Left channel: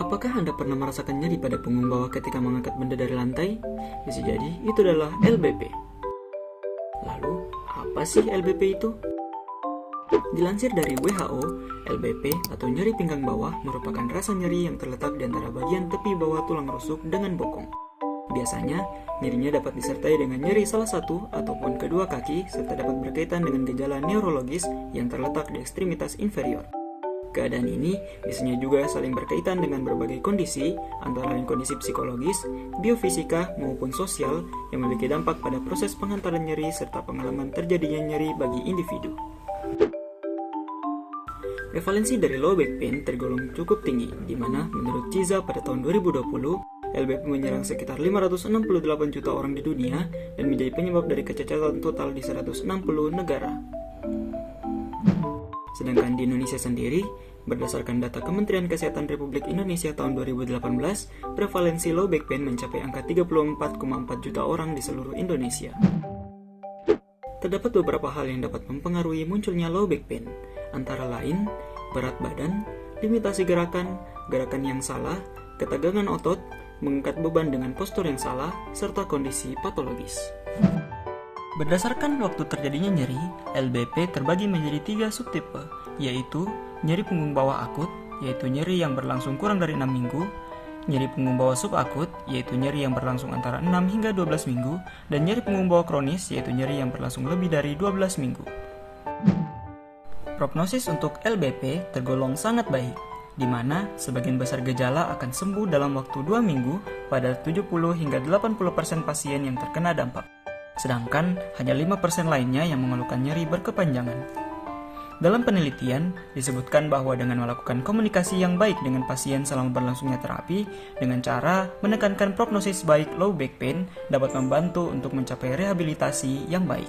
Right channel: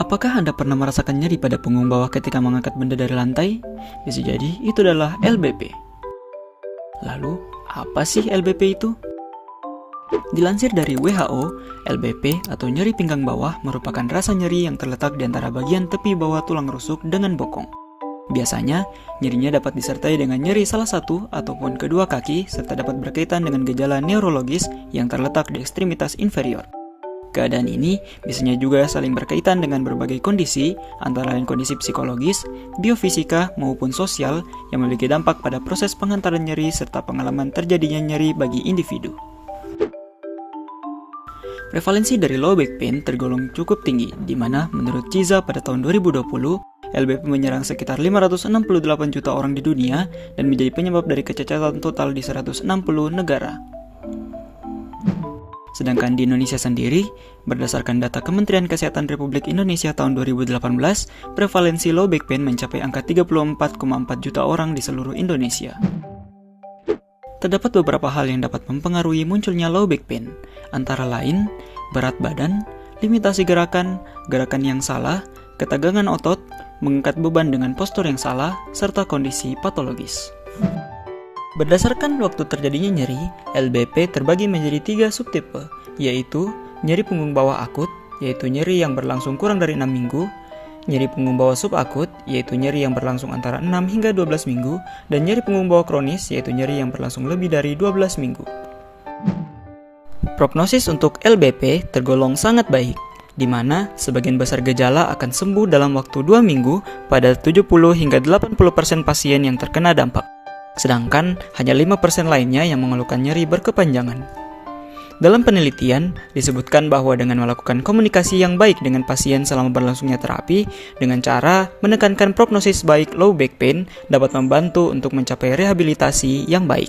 Apakah Anda pernah merasakan nyeri pada punggung bawah ketika mengangkat benda dari lantai? Bisa jadi itu adalah LBP. Lalu, apa sih LBP itu? Dilansir dari WHO, LBP atau nyeri pinggang bawah merupakan rasa nyeri yang terletak di antara bagian tepi bawah tulang rusuk dengan bokong. Biasanya, nyerinya dapat disertai dengan nyeri salah satu ataupun kedua kaki serta dapat berkaitan dengan gejala neurologis yang terletak di ekstremitas inferior. Keadaan ini biasanya juga saling berkaitan dengan berbagai kondisi, antara lain kondisi psikologis, biofisika, maupun sosial yang memiliki dampak pada proses pengantaran nyeri serta pengalaman terjadinya nyeri bagi individu. Prevalensi dari low back pain tergolong cukup tinggi, di mana menurut CISA pada tahun 2020, LBP menyerang sekitar 568 juta orang di dunia dan menjadi penyebab dari kecacatan total di 160 negara. Sedangkan di Indonesia sendiri, berdasarkan data Kementerian Kesehatan Republik Indonesia tahun 2018, prevalensi low back pain mencapai angka 34,4 juta orang di seluruh Indonesia. Terdapat beberapa hal yang dapat mempengaruhi munculnya low back pain, antara lain berat badan, limitasi gerakan, gerakan yang salah, ketegangan otot, mengangkat beban dengan postur yang salah, serta kondisi patologis. Berdasarkan waktu terjadinya nyeri, LBP terbagi menjadi 3 subtipe, yaitu nyeri punggung bawah akut, yaitu nyeri yang berlangsung kurang dari 6 minggu, nyeri punggung bawah subakut, yaitu nyeri yang berlangsung antara 6 hingga 12 minggu, dan nyeri punggung bawah kronis, yaitu nyeri yang berlangsung lebih dari 12 minggu. Prognosis untuk LBP tergolong sangat baik, di mana sebagian besar gejala akan sembuh dalam waktu 2 minggu pada 70 hingga 80% pasien yang terkena dampak. Sedangkan hanya 5% lainnya yang mengeluhkan nyeri berkepanjangan. Dalam penelitian, disebutkan bahwa dengan melakukan komunikasi yang baik dengan pasien selama berlangsungnya terapi, dengan cara menekankan prognosis baik low back pain dapat membantu untuk mencapai rehabilitasi yang baik.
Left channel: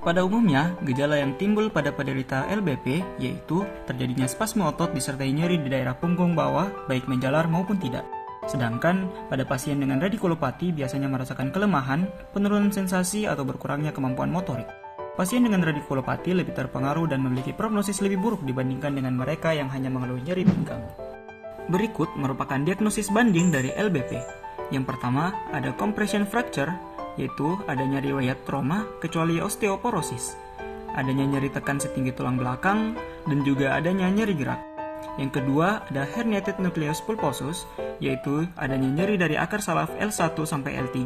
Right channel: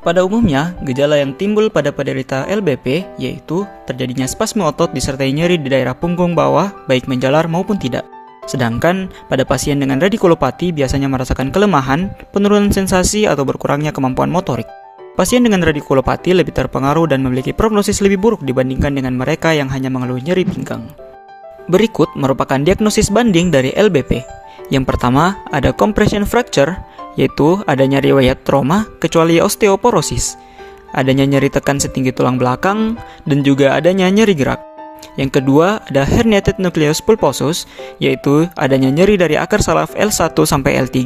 Pada umumnya, gejala yang timbul pada penderita LBP yaitu terjadinya spasme otot disertai nyeri di daerah punggung bawah, baik menjalar maupun tidak. Sedangkan pada pasien dengan radikulopati biasanya merasakan kelemahan, penurunan sensasi atau berkurangnya kemampuan motorik. Pasien dengan radikulopati lebih terpengaruh dan memiliki prognosis lebih buruk dibandingkan dengan mereka yang hanya mengeluh nyeri pinggang. Berikut merupakan diagnosis banding dari LBP. Yang pertama, ada compression fracture, yaitu adanya riwayat trauma kecuali osteoporosis, adanya nyeri tekan setinggi tulang belakang, dan juga adanya nyeri gerak. Yang kedua, ada herniated nucleus pulposus, yaitu adanya nyeri dari akar saraf L1 sampai L3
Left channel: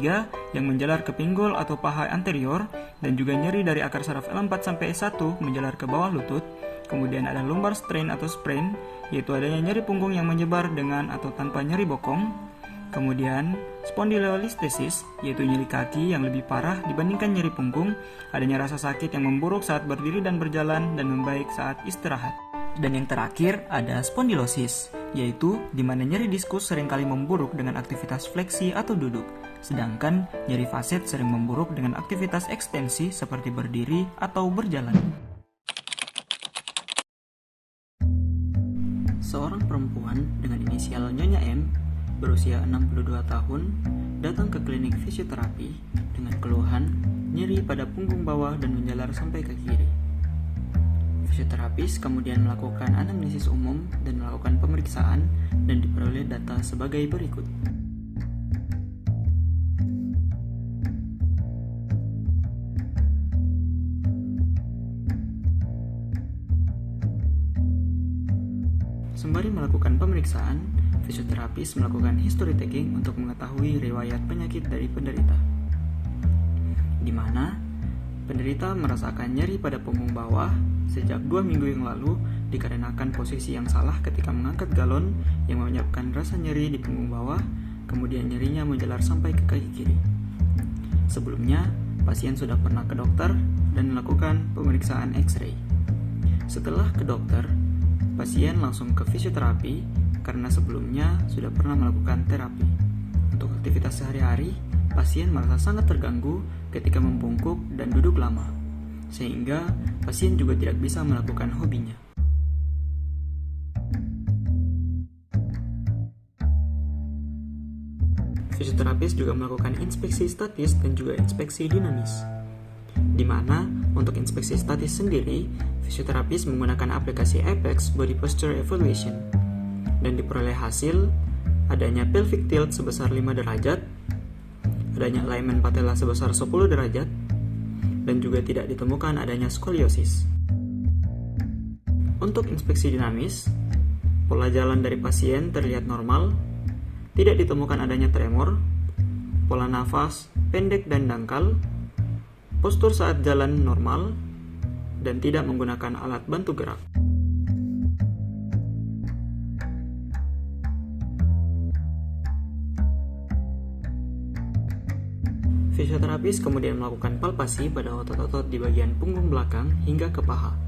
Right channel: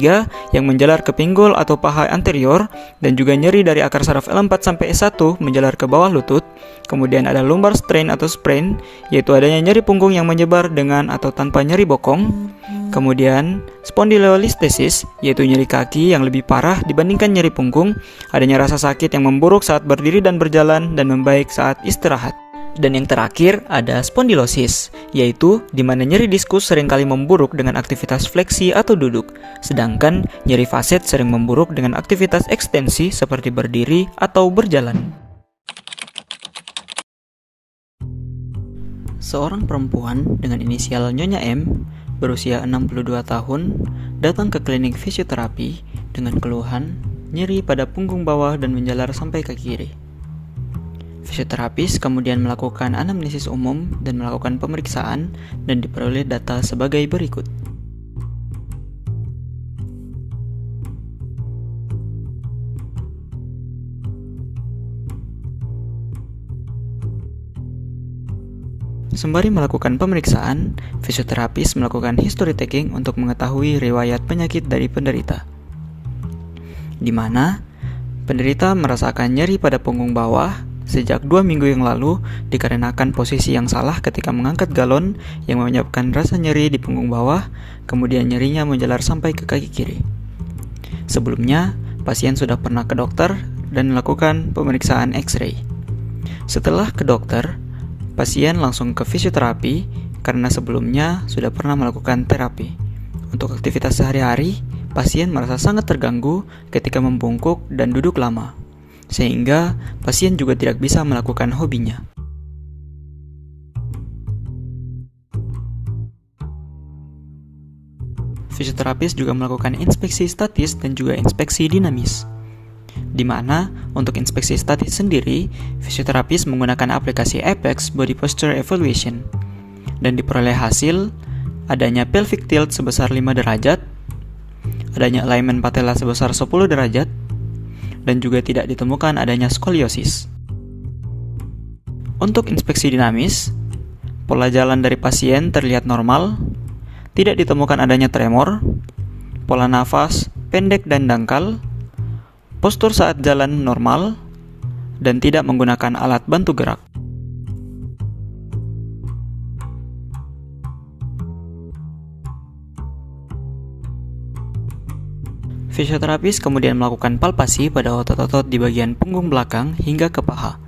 yang menjalar ke pinggul atau paha anterior, dan juga nyeri dari akar saraf L4 sampai S1 menjalar ke bawah lutut. Kemudian ada lumbar strain atau sprain, yaitu adanya nyeri punggung yang menyebar dengan atau tanpa nyeri bokong. Kemudian spondylolisthesis, yaitu nyeri kaki yang lebih parah dibandingkan nyeri punggung, adanya rasa sakit yang memburuk saat berdiri dan berjalan dan membaik saat istirahat. Dan yang terakhir ada spondylosis, yaitu di mana nyeri diskus seringkali memburuk dengan aktivitas fleksi atau duduk, sedangkan nyeri faset sering memburuk dengan aktivitas ekstensi seperti berdiri atau berjalan. Seorang perempuan dengan inisial Nyonya M berusia 62 tahun datang ke klinik fisioterapi dengan keluhan nyeri pada punggung bawah dan menjalar sampai ke kiri. Fisioterapis kemudian melakukan anamnesis umum dan melakukan pemeriksaan dan diperoleh data sebagai berikut. Sembari melakukan pemeriksaan, fisioterapis melakukan history taking untuk mengetahui riwayat penyakit dari penderita, di mana penderita merasakan nyeri pada punggung bawah sejak 2 minggu yang lalu dikarenakan posisi yang salah ketika mengangkat galon yang menyebabkan rasa nyeri di punggung bawah, kemudian nyerinya menjalar sampai ke kaki kiri. Sebelumnya, pasien sudah pernah ke dokter dan melakukan pemeriksaan X-ray. Setelah ke dokter, pasien langsung ke fisioterapi karena sebelumnya sudah pernah melakukan terapi. Untuk aktivitas sehari-hari, pasien merasa sangat terganggu ketika membungkuk dan duduk lama, sehingga pasien juga tidak bisa melakukan hobinya. Fisioterapis juga melakukan inspeksi statis dan juga inspeksi dinamis, di mana untuk inspeksi statis sendiri, fisioterapis menggunakan aplikasi Apex Body Posture Evaluation. dan diperoleh hasil adanya pelvic tilt sebesar 5 derajat, adanya alignment patella sebesar 10 derajat, dan juga tidak ditemukan adanya skoliosis. Untuk inspeksi dinamis, pola jalan dari pasien terlihat normal, tidak ditemukan adanya tremor, pola nafas pendek dan dangkal, postur saat jalan normal, dan tidak menggunakan alat bantu gerak. Fisioterapis kemudian melakukan palpasi pada otot-otot di bagian punggung belakang hingga ke paha,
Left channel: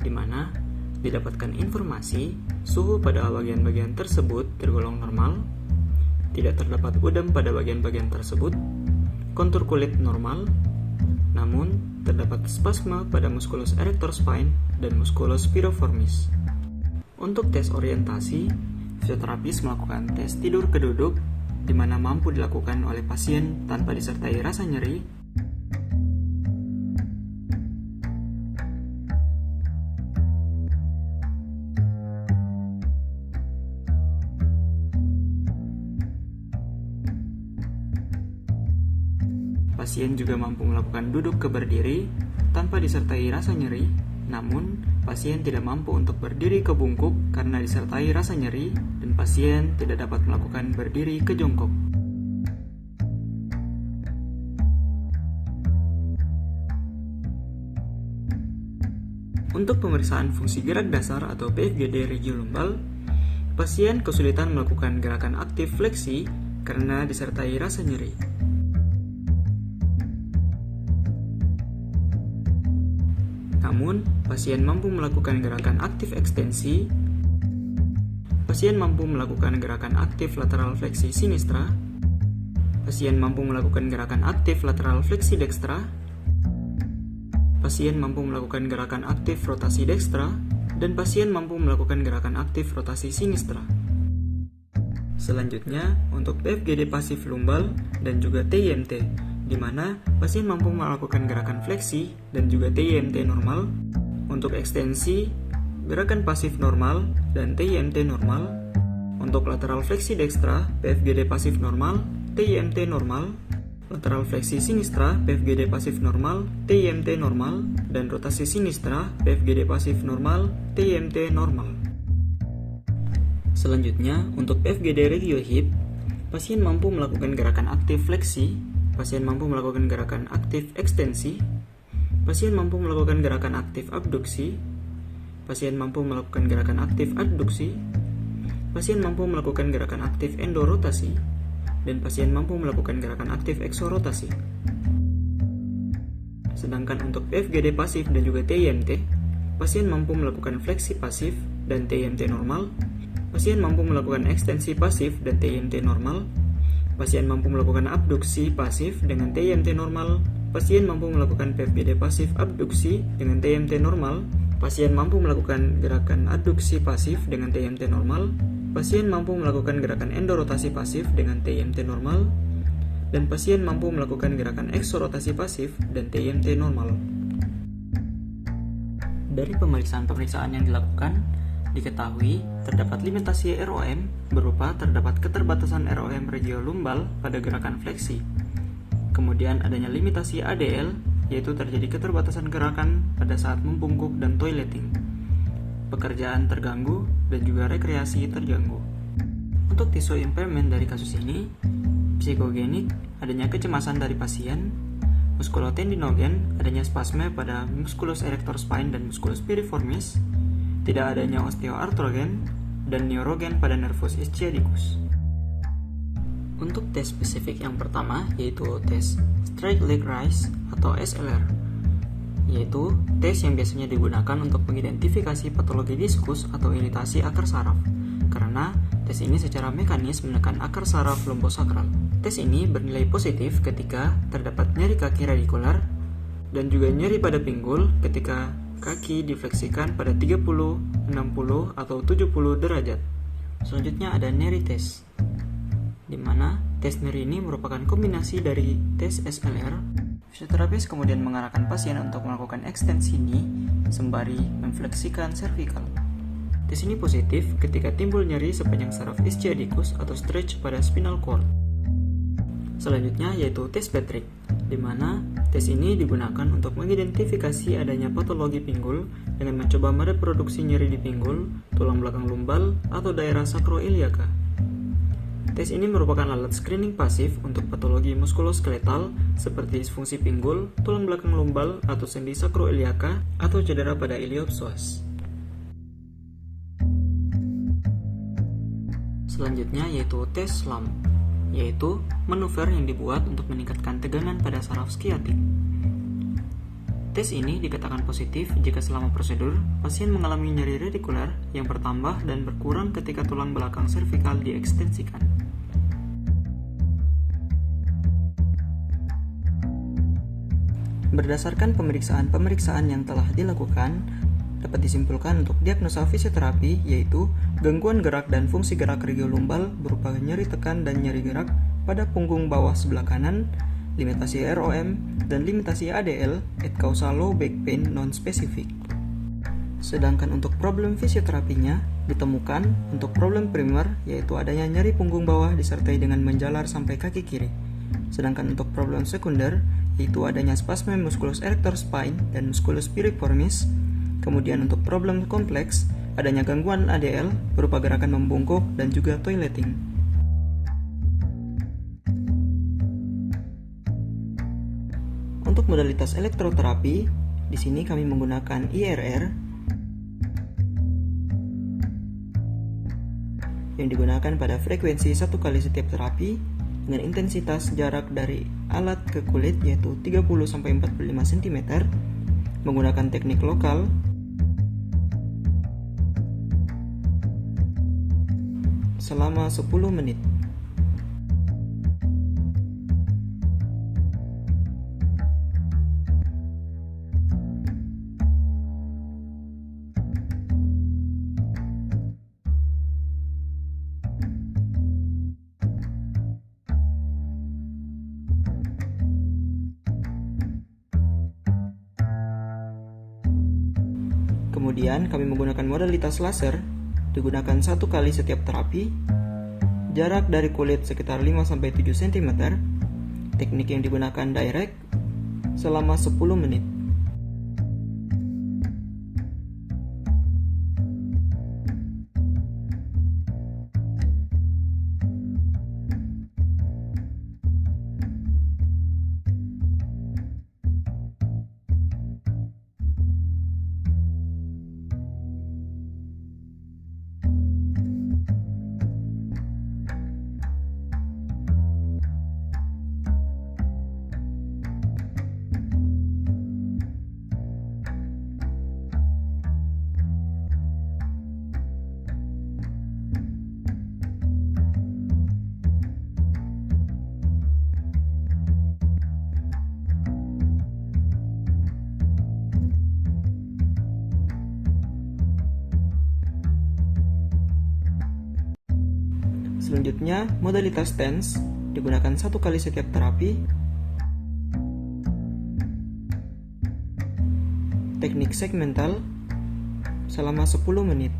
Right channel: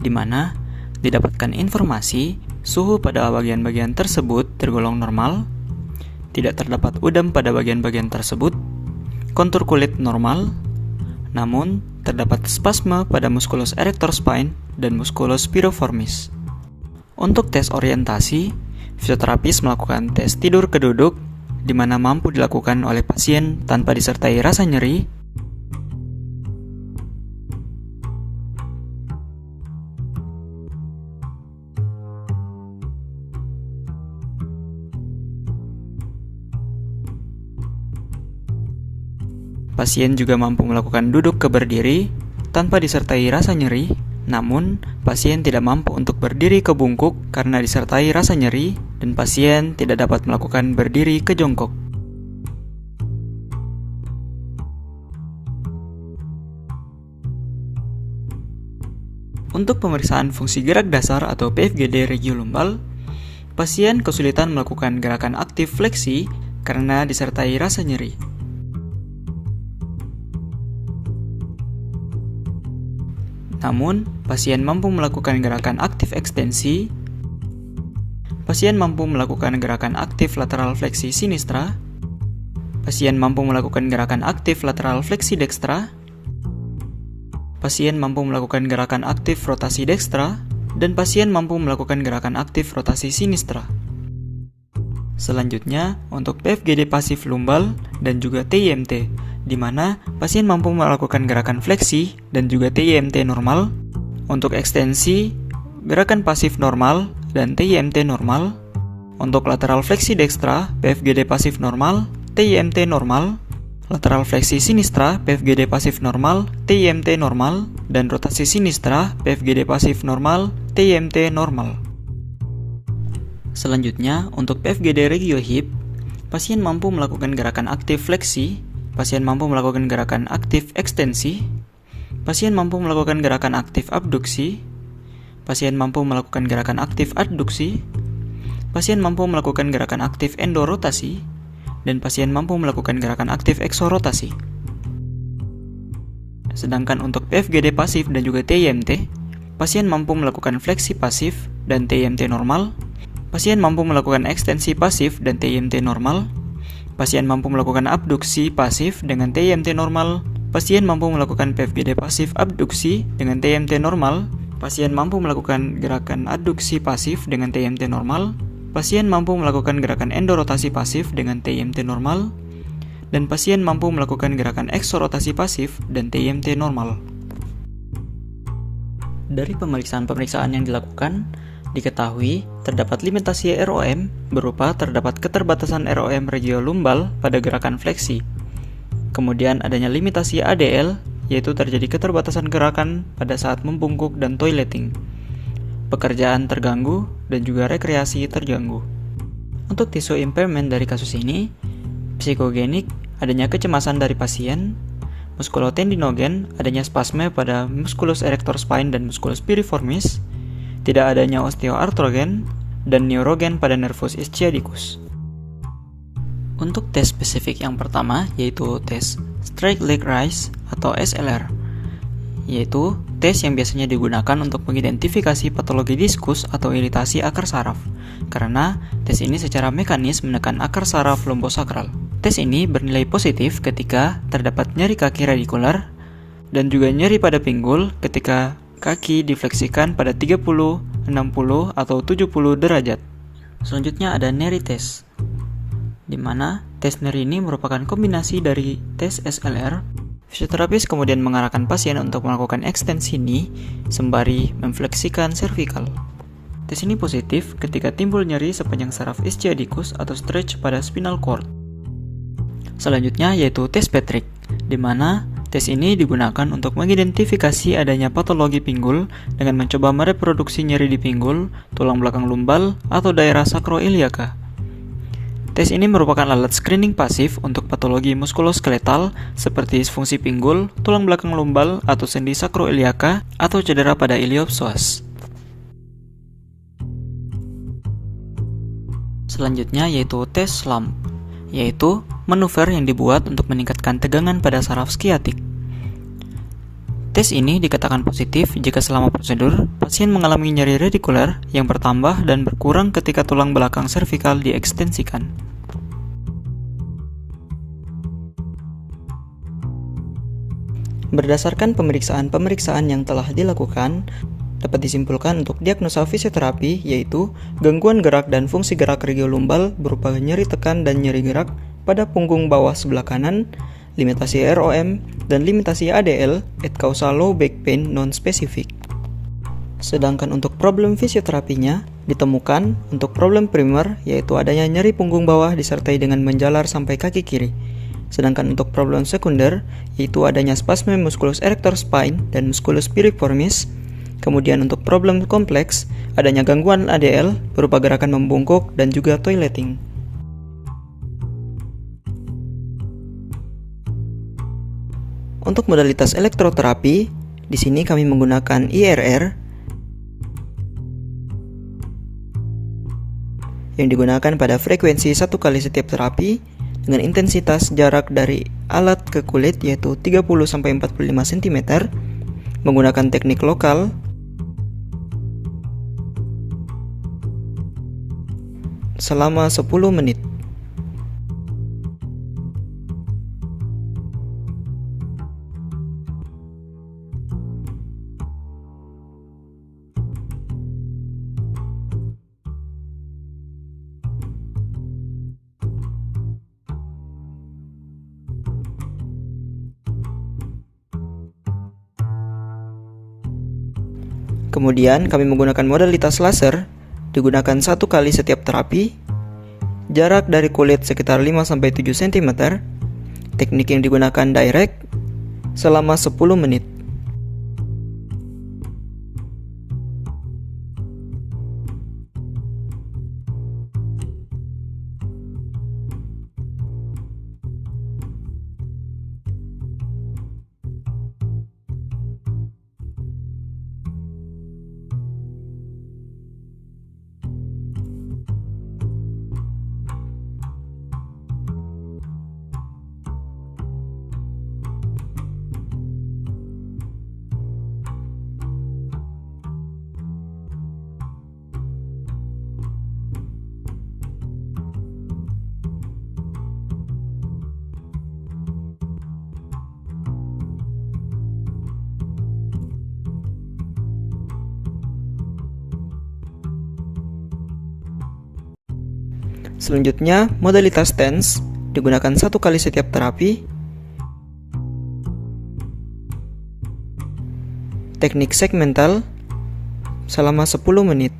di mana didapatkan informasi suhu pada bagian-bagian tersebut tergolong normal, tidak terdapat udem pada bagian-bagian tersebut, kontur kulit normal, namun terdapat spasme pada musculus erector spine dan musculus piriformis. Untuk tes orientasi, fisioterapis melakukan tes tidur keduduk, di mana mampu dilakukan oleh pasien tanpa disertai rasa nyeri, pasien juga mampu melakukan duduk ke berdiri tanpa disertai rasa nyeri, namun pasien tidak mampu untuk berdiri ke bungkuk karena disertai rasa nyeri, dan pasien tidak dapat melakukan berdiri ke jongkok. Untuk pemeriksaan fungsi gerak dasar atau PFGD regiolumbal, pasien kesulitan melakukan gerakan aktif fleksi karena disertai rasa nyeri. Namun, pasien mampu melakukan gerakan aktif ekstensi, pasien mampu melakukan gerakan aktif lateral fleksi sinistra, pasien mampu melakukan gerakan aktif lateral fleksi dekstra, pasien mampu melakukan gerakan aktif rotasi dekstra, dan pasien mampu melakukan gerakan aktif rotasi sinistra. Selanjutnya, untuk PFGD pasif lumbal dan juga TIMT, di mana pasien mampu melakukan gerakan fleksi dan juga TIMT normal. Untuk ekstensi, gerakan pasif normal dan TIMT normal. Untuk lateral fleksi dekstra, PFGD pasif normal, TIMT normal. Lateral fleksi sinistra, PFGD pasif normal, TIMT normal. Dan rotasi sinistra, PFGD pasif normal, TIMT normal. Selanjutnya, untuk PFGD regio hip, pasien mampu melakukan gerakan aktif fleksi, pasien mampu melakukan gerakan aktif ekstensi, pasien mampu melakukan gerakan aktif abduksi, pasien mampu melakukan gerakan aktif adduksi, pasien mampu melakukan gerakan aktif endorotasi, dan pasien mampu melakukan gerakan aktif eksorotasi. Sedangkan untuk PFGD pasif dan juga TIMT, pasien mampu melakukan fleksi pasif dan TIMT normal, pasien mampu melakukan ekstensi pasif dan TIMT normal, pasien mampu melakukan abduksi pasif dengan TIMT normal, pasien mampu melakukan PFGD pasif abduksi dengan TIMT normal, pasien mampu melakukan gerakan adduksi pasif dengan TIMT normal, pasien mampu melakukan gerakan endorotasi pasif dengan TIMT normal, dan pasien mampu melakukan gerakan eksorotasi pasif dan TIMT normal. Dari pemeriksaan-pemeriksaan yang dilakukan, diketahui terdapat limitasi ROM berupa terdapat keterbatasan ROM regiolumbal pada gerakan fleksi. Kemudian adanya limitasi ADL, yaitu terjadi keterbatasan gerakan pada saat membungkuk dan toileting. Pekerjaan terganggu dan juga rekreasi terganggu. Untuk tissue impairment dari kasus ini, psikogenik, adanya kecemasan dari pasien, muskulotendinogen, adanya spasme pada musculus erector spine dan musculus piriformis, tidak adanya osteoartrogen, dan neurogen pada nervus ischiadicus. Untuk tes spesifik yang pertama yaitu tes straight leg raise atau SLR, yaitu tes yang biasanya digunakan untuk mengidentifikasi patologi diskus atau iritasi akar saraf, karena tes ini secara mekanis menekan akar saraf lumbosakral. Tes ini bernilai positif ketika terdapat nyeri kaki radikular dan juga nyeri pada pinggul ketika kaki difleksikan pada 30, 60, atau 70 derajat. Selanjutnya ada Neri test, di mana tes Neri ini merupakan kombinasi dari tes SLR. Fisioterapis kemudian mengarahkan pasien untuk melakukan ekstensi knee sembari memfleksikan cervical. Tes ini positif ketika timbul nyeri sepanjang saraf ischiadicus atau stretch pada spinal cord. Selanjutnya yaitu tes Patrick, di mana tes ini digunakan untuk mengidentifikasi adanya patologi pinggul dengan mencoba mereproduksi nyeri di pinggul, tulang belakang lumbal, atau daerah sakroiliaka. Tes ini merupakan alat screening pasif untuk patologi muskuloskeletal seperti disfungsi pinggul, tulang belakang lumbal, atau sendi sakroiliaka, atau cedera pada iliopsoas. Selanjutnya yaitu tes SLAMP, yaitu manuver yang dibuat untuk meningkatkan tegangan pada saraf skiatik. Tes ini dikatakan positif jika selama prosedur, pasien mengalami nyeri radikuler yang bertambah dan berkurang ketika tulang belakang servikal diekstensikan. Berdasarkan pemeriksaan-pemeriksaan yang telah dilakukan, dapat disimpulkan untuk diagnosa fisioterapi yaitu gangguan gerak dan fungsi gerak regiolumbal berupa nyeri tekan dan nyeri gerak pada punggung bawah sebelah kanan, limitasi ROM, dan limitasi ADL at causal low back pain non-spesifik. Sedangkan untuk problem fisioterapinya ditemukan untuk problem primer yaitu adanya nyeri punggung bawah disertai dengan menjalar sampai kaki kiri. Sedangkan untuk problem sekunder yaitu adanya spasme musculus erector spine dan musculus piriformis. Kemudian untuk problem kompleks adanya gangguan ADL berupa gerakan membungkuk dan juga toileting. Untuk modalitas elektroterapi, di sini kami menggunakan IRR yang digunakan pada frekuensi 1 kali setiap terapi dengan intensitas jarak dari alat ke kulit yaitu 30-45 cm menggunakan teknik lokal selama 10 menit. Kemudian kami menggunakan modalitas laser, digunakan 1 kali setiap terapi, jarak dari kulit sekitar 5-7 cm, teknik yang digunakan direct, selama 10 menit. Selanjutnya, modalitas TENS digunakan 1 kali setiap terapi. Teknik segmental selama 10 menit.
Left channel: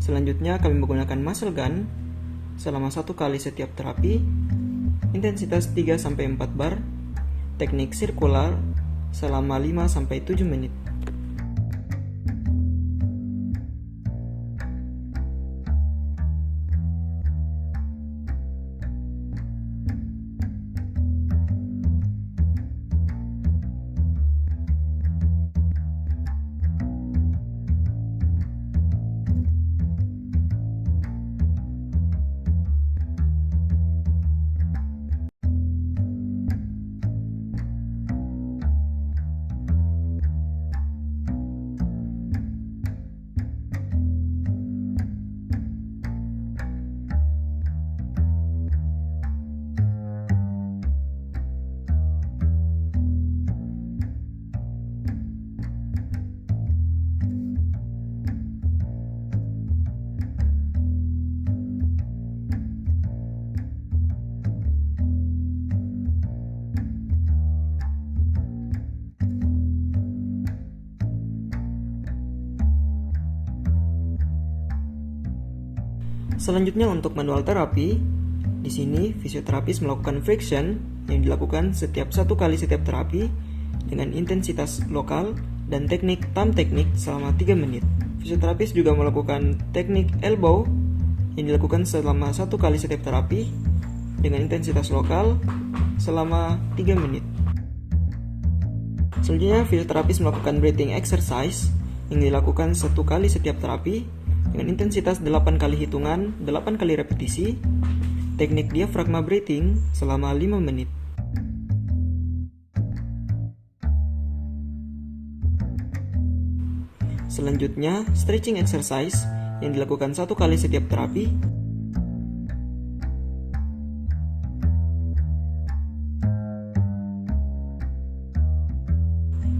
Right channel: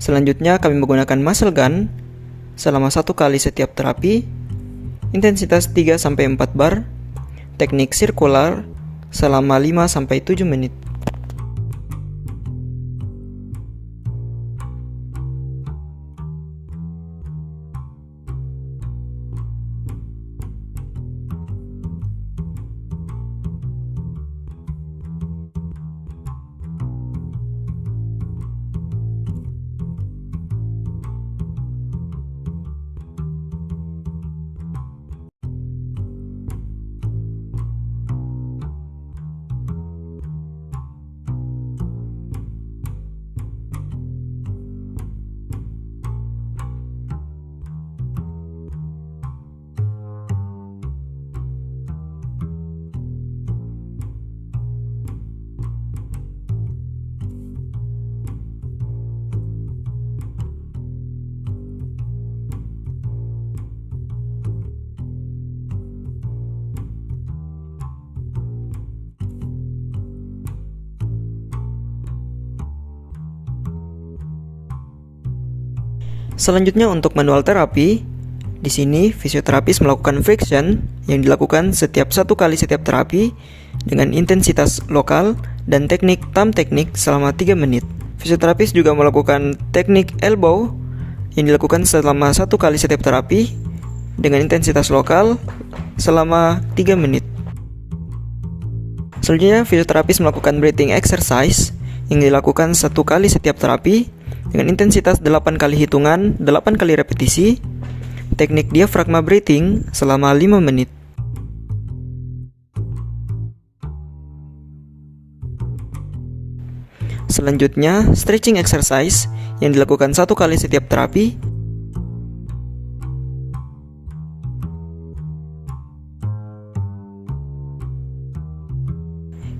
Selanjutnya kami menggunakan muscle gun selama 1 kali setiap terapi, intensitas 3-4 bar, teknik sirkular selama 5-7 menit. Selanjutnya untuk manual terapi, di sini fisioterapis melakukan friction yang dilakukan setiap 1 kali setiap terapi dengan intensitas lokal dan teknik thumb teknik selama 3 menit. Fisioterapis juga melakukan teknik elbow yang dilakukan selama 1 kali setiap terapi dengan intensitas lokal selama 3 menit. Selanjutnya fisioterapis melakukan breathing exercise yang dilakukan 1 kali setiap terapi dengan intensitas 8 kali hitungan, 8 kali repetisi, teknik diafragma breathing selama 5 menit. Selanjutnya, stretching exercise yang dilakukan 1 kali setiap terapi.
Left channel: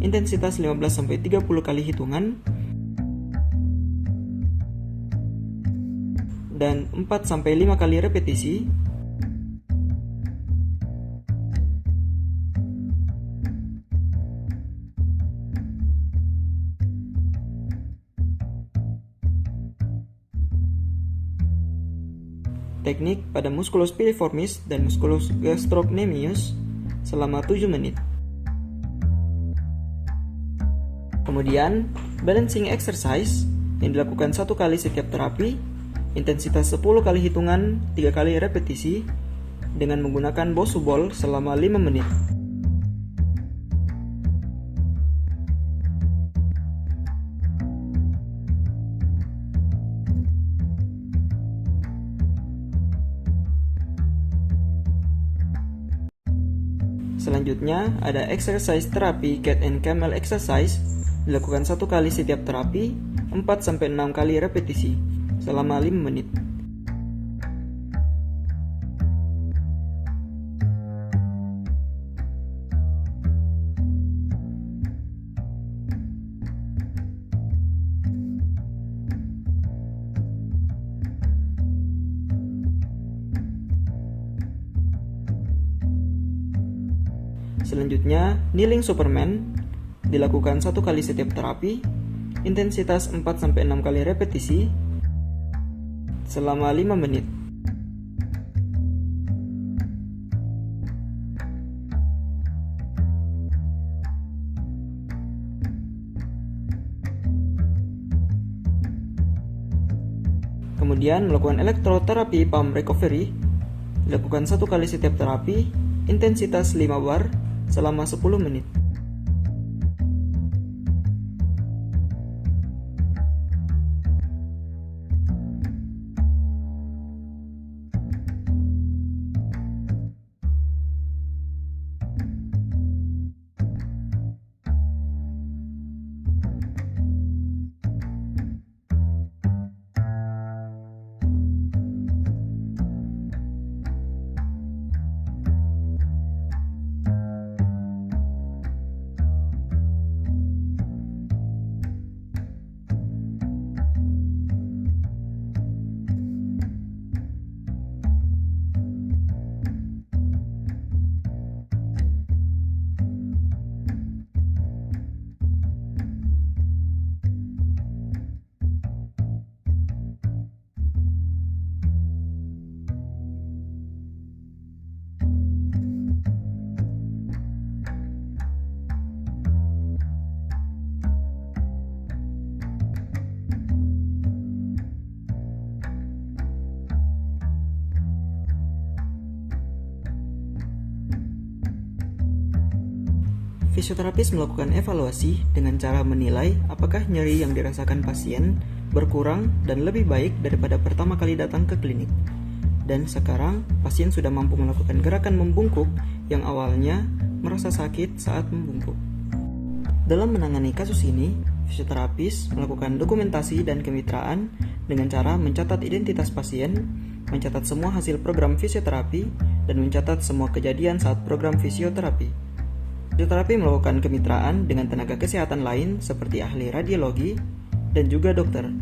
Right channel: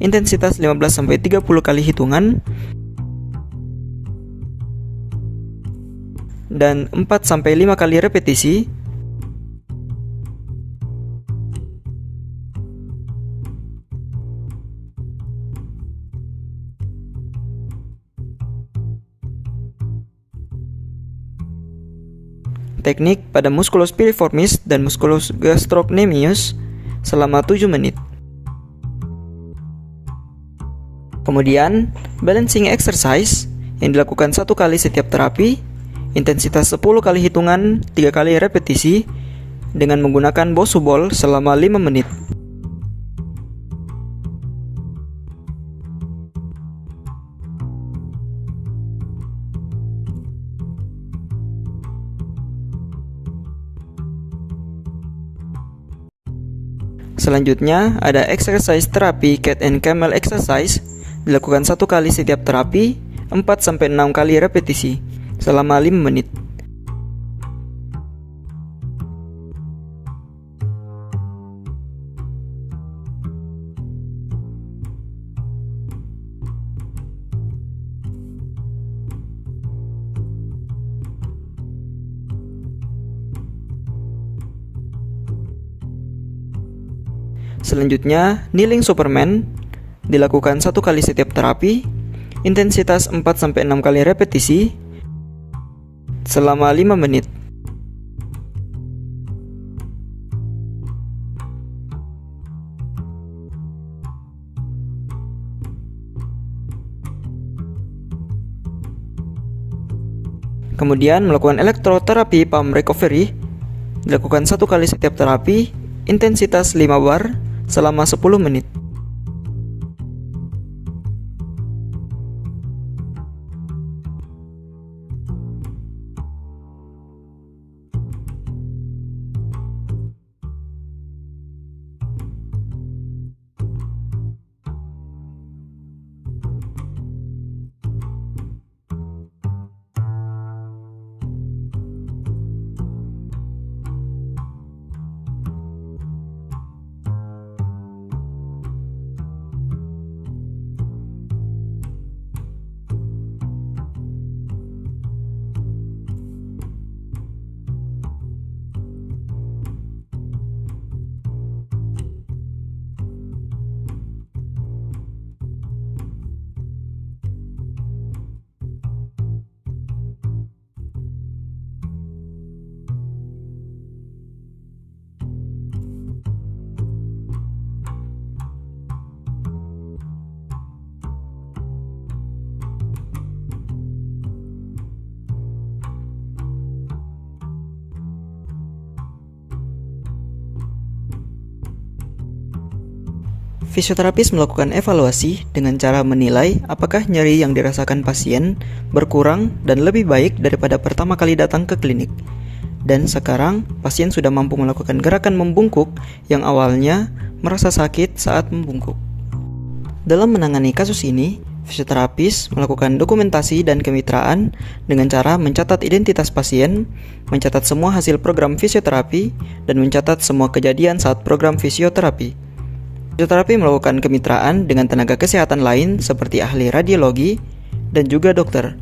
Intensitas 15-30 kali hitungan dan 4-5 kali repetisi. Teknik pada musculus piriformis dan musculus gastrocnemius selama 7 menit. Kemudian, balancing exercise yang dilakukan 1 kali setiap terapi, intensitas 10 kali hitungan, 3 kali repetisi dengan menggunakan Bosu ball selama 5 menit. Selanjutnya ada exercise terapi cat and camel exercise, dilakukan 1 kali setiap terapi, 4-6 kali repetisi selama 5 menit. Selanjutnya, kneeling Superman dilakukan 1 kali setiap terapi, intensitas 4-6 kali repetisi selama 5 menit. Kemudian melakukan elektroterapi palm recovery, dilakukan 1 kali setiap terapi, intensitas 5 bar selama 10 menit. Fisioterapis melakukan evaluasi dengan cara menilai apakah nyeri yang dirasakan pasien berkurang dan lebih baik daripada pertama kali datang ke klinik. Dan sekarang, pasien sudah mampu melakukan gerakan membungkuk yang awalnya merasa sakit saat membungkuk. Dalam menangani kasus ini, fisioterapis melakukan dokumentasi dan kemitraan dengan cara mencatat identitas pasien, mencatat semua hasil program fisioterapi, dan mencatat semua kejadian saat program fisioterapi. Fisioterapi melakukan kemitraan dengan tenaga kesehatan lain seperti ahli radiologi dan juga dokter.